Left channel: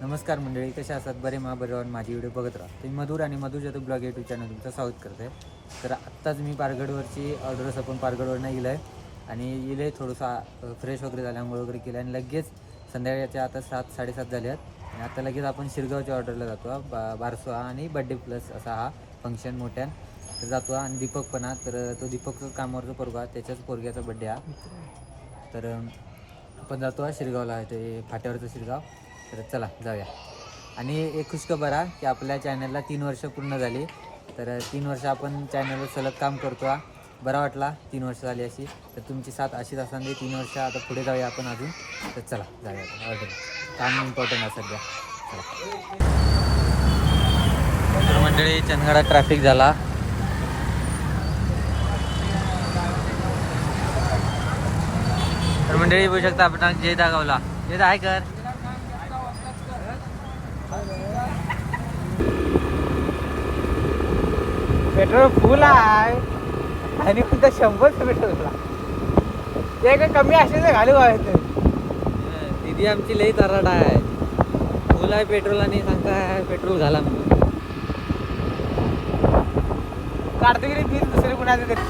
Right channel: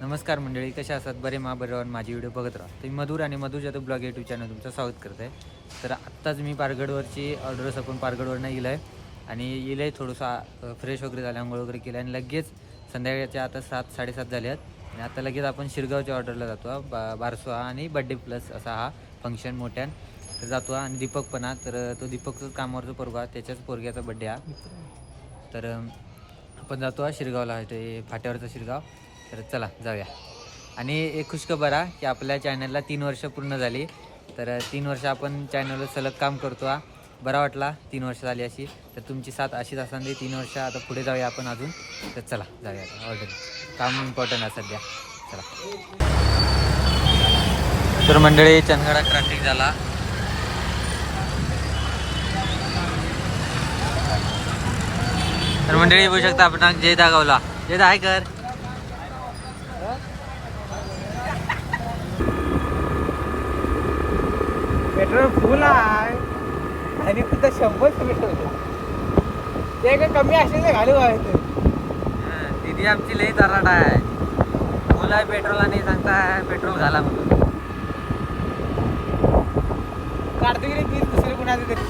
नमस्कार मंडळी, कशा असतात? बरे बरोबर माझी व्हिडिओ बघत राहा. तुम्ही मधुर आणि मधुर जातो ब्लॉग यूट्यूब चॅनल तुमचं स्वागत करत आहे. तर आत्ताच मी पारगडवरची ऑर्डर आपण पारगडवरनं येलं आहे आणि येलं आहे थोडंसं फ्रेश वगैरे झालं, आंघोळ वगैरे केलं आणि लगेच संध्याकाळच्या आता 7-7:30 झाले आहेत आणि आता लगेच आपण शिरगावच्या ऑर्डरला जातो. बारसो हा आणि बड्डे प्लस असा हा फंक्शन मोठ्यान तर जातो आणि दीपक पण तर तो दीपकचंच कामावरचं पोरगा, त्याच्याच पोरग्याचा बड्डे हा. तर आपण जातो शिरगावला, ते फाट्यावरचं शिरगाव. तर चला जाऊया. आणि एक खुशखबर आहे की आपल्या चॅनलला 3 वर्ष पूर्ण झाली. तर 3 वर्ष आपण चॅनलवर सलग काम करतो. बरा वाटला 3 वर्ष झाली अशी. तर तुमची साथ अशीच असताना 3 वर्ष आता पुढे जाऊया आपण अजून. तर चला जाऊया आता ऑर्डर, काम इम्पॉर्टंट आहे सध्या. चला. तर मंडळी चंदगडात ट्रॅफिक झाला. तर मंडळी बघू शकता आपण जय दागावला. जय आहे कर पेट्रोल फुल आहे आणि तिथं 100 पेट्रोलला ते काय कमी असेल तर घालू व्हायचं. दीदी आमची लई तराट आहे. फुल आहे पेट्रोल आणि सांगता पेट्रोल घाला म्हणून. काढतो की तीच दुसरी कुणाचं तरी.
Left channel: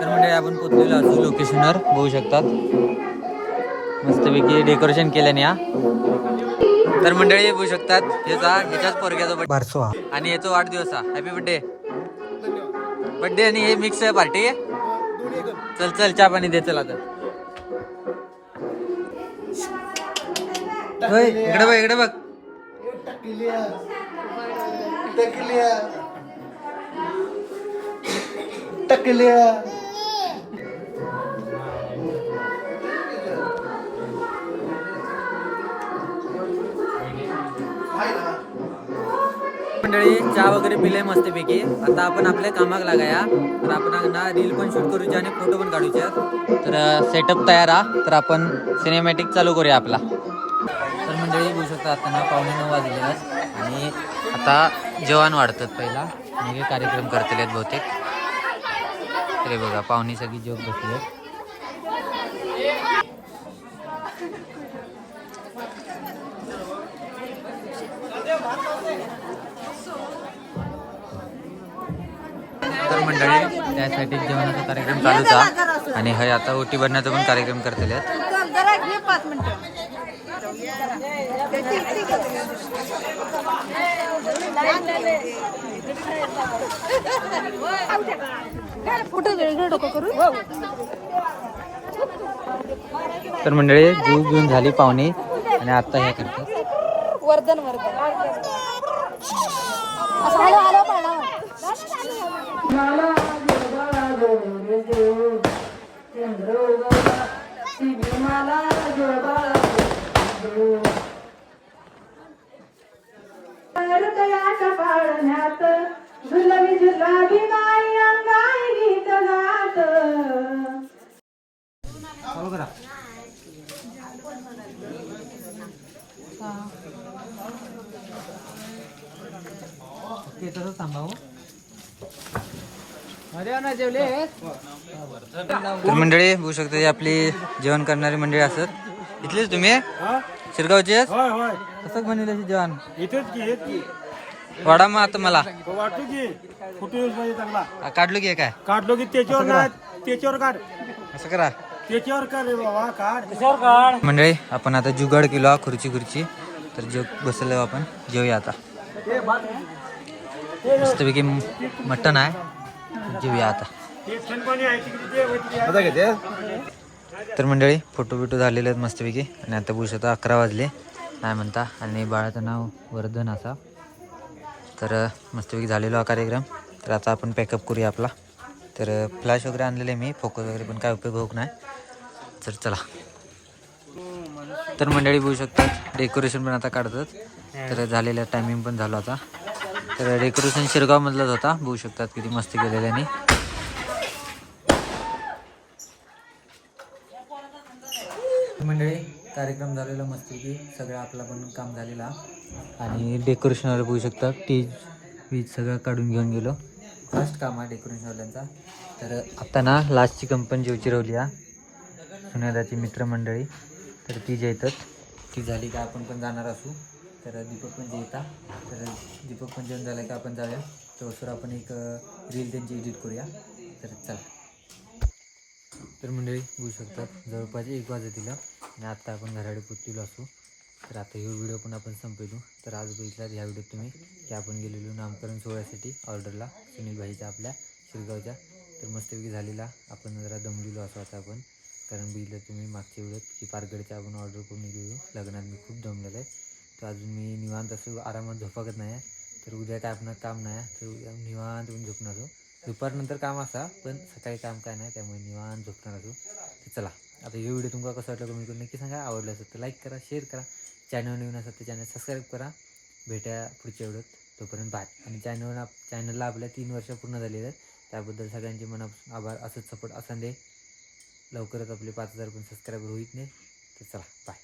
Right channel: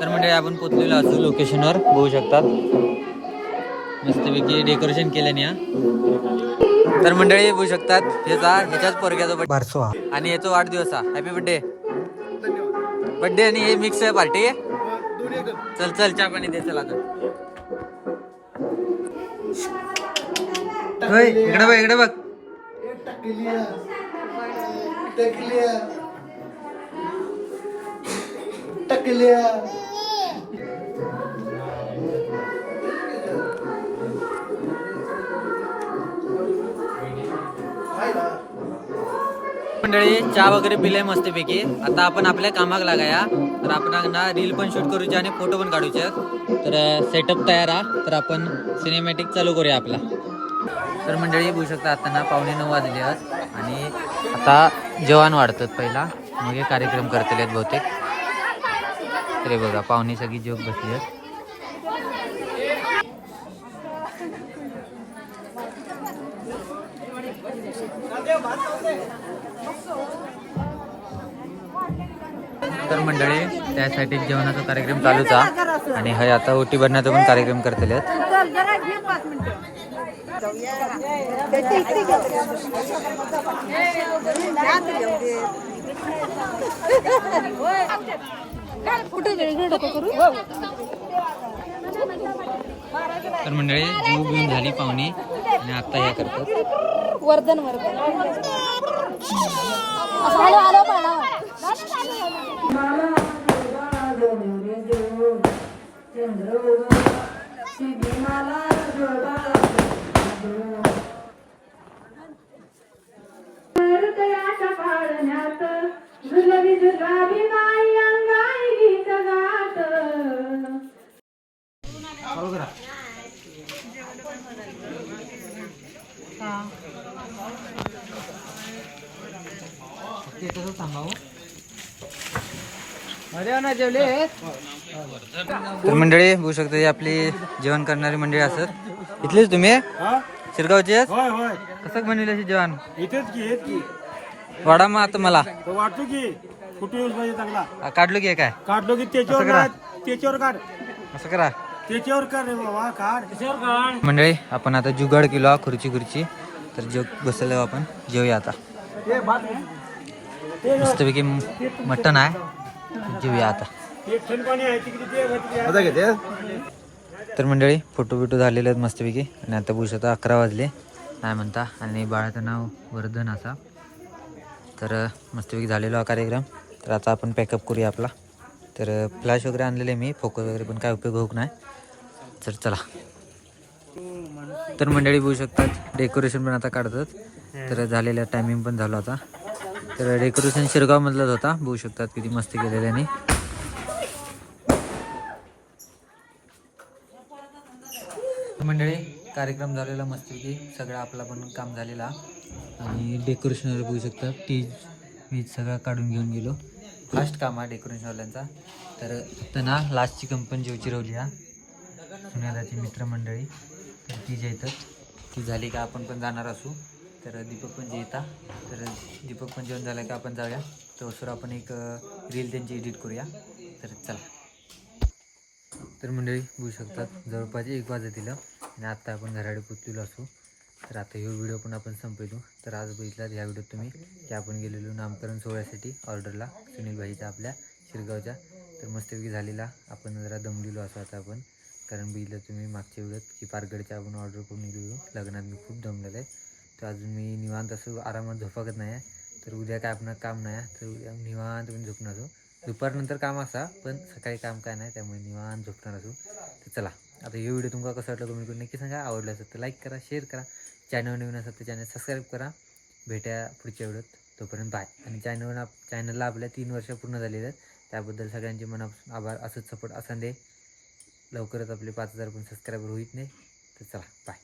तर म्हणजे आपण पोचलेलो असं लोकेशनवर बघू शकतात. मस्तपैकी डेकोरेशन केल्याने हा. तर मंडळी बघू शकतात ह्याच्याच पोरग्याचा बारसो आणि याचा वाढदिवस हा. Happy birthday. बर्थडे आणि हे मिक्स आहे पार्टी. चल चल चहा पाणी दे. चला इकडे बघ, इकडे बघ. मंडळी चहा वगैरे पिले मस्तपैकी. आता आपण आपल्या कामाक लागाया. तर आपण ना रील पण शूट करूचे आणि फोटो पण काढूचे. तर सेटअप तयार हा. तर आपण सिनेमॅटिक चालू करूया आपला. तर मंडळी बघू शकता आता ना 9:15 वाजले आणि आता जेवण वाढतात पहिला, मग हे कार्यक्रम करतले आहेत बहुतेक. तरी बघा पाहुणे सगळी जेवत बसली आहेत. तर मंडळी त्यासाठी जेवणाचा कार्यक्रम चालूच आहे आणि हे आता ओटी भरण्याचा पण कार्यक्रम करतले आहेत. तर मंडळी जीव घेऊन झाली पाहुणे आणि आता ह्या करतात. तर मंडळी बघू शकता आपली जेवण करणारी मंडळी असत. इथलीच तुम्ही शिरगावचे? कसं बनवले जेवण? वाडा मग आता मला वाटतो की कुठे चांगला काढलो की काय काढलो की त्याच्यावर काढ. असं करा त्याच्यावर काढ रे बाबा, काढ त्याच्यावर काढ. मंडळी आपण आता जुगाड केलो खुर्ची. तर जेव बसलो आपण. जेवूया आता. मस्तपैकी मटण आहे. जेवूया आता. तर मंडळी फोटो बिटो झालेले आहेत मस्तपैकी आणि आता बघू शकता 11 वाजले काय म्हणता. आणि बाळाचं नाव वर्धन असा. तर मस्तपैकी झालेलो हा कार्यक्रम. तर आता आपण पॅकअप करूया आपला. तर फ्लॅश वगैरे आणलेले मी, फोकस वगैरे पण काय उपयोग होत नाही. तर चला. तर मंडळी बघू शकतात डेकोरेशन पण आता काढतात. तर झालेलं टायमिंग पण झालं आता. तर डेकोरेशन शिरगावमधलाच होता. बघू शकतात किती मस्त केलेल्याने. मंडळी कार्यक्रम झालेला मस्तपैकी सगळं आपला पण काम झालेला आणि डेकोरेशनवाले बघू शकतात वीज सगळं काढून घेऊन गेलो. फास्ट काम आहे डेकोरेशनवाल्यांचा. तर आता ना लास्टची कंपनी जेवची राहिली हा. सुनेदाची मित्रमंडळी, तर ती जे येतात ती झाली का आपण पण जाणार असू. तर दीपक पण जे येतात, तर दीपक पण जेवण झालं का आपण जाऊया. तर आपण एक रील त्यांची एडिट करूया. तर चला. तर मंडळी बघू शकतात जवळपास 1 वाजतील आणि आत्ता आपण घराकडे पोचलेलो असू. तर आता ह्यो व्हिडिओ पण आपण संपवतो. तर आज बघितला ह्या व्हिडिओत तुम्ही की आपण गेलेलो नामकरण सोहळ्यासाठी ऑर्डरला सुनील भाईच्या आपल्या शिरगावच्या. तर मस्तपैकी झालेला, आपण जरा दमलेलो असं आता आपण, कारण बघितलं तुम्ही मागच्या व्हिडिओत की पारगडच्या आपण ऑर्डर करून गेलेलो लग्नात. मी खूप दमलेलो आहे. तर अजून मी निवांत असं आरामात झोपाकत नाही आहे. तर उद्या काय आपण काम नाही, तर उद्या निवांत पण झोपणार असो. दुपारनंतर काम असा, पण सकाळी काम काय नाही, त्यामुळे निवांत झोपणार असो. तर चला, आता हे व्हिडिओ तुम्हाला कसं वाटलं कमेंट करून नक्की सांगा. आवडलं असेल तर लाईक करा, शेअर करा. चॅनल नवीन असेल तर चॅनल सबस्क्राईब करा. भेटूया पुढच्या व्हिडिओत. तोपर्यंत बाय. आणि चॅनलला आपल्या 3 वर्ष पूर्ण झालेले आहेत. त्याबद्दल सगळ्यांचे मनापासून आभार. असंच सपोर्ट असा दे. लवकरच आपले 5000 पण सबस्क्रायबर होईत नाही. तर चला बाय.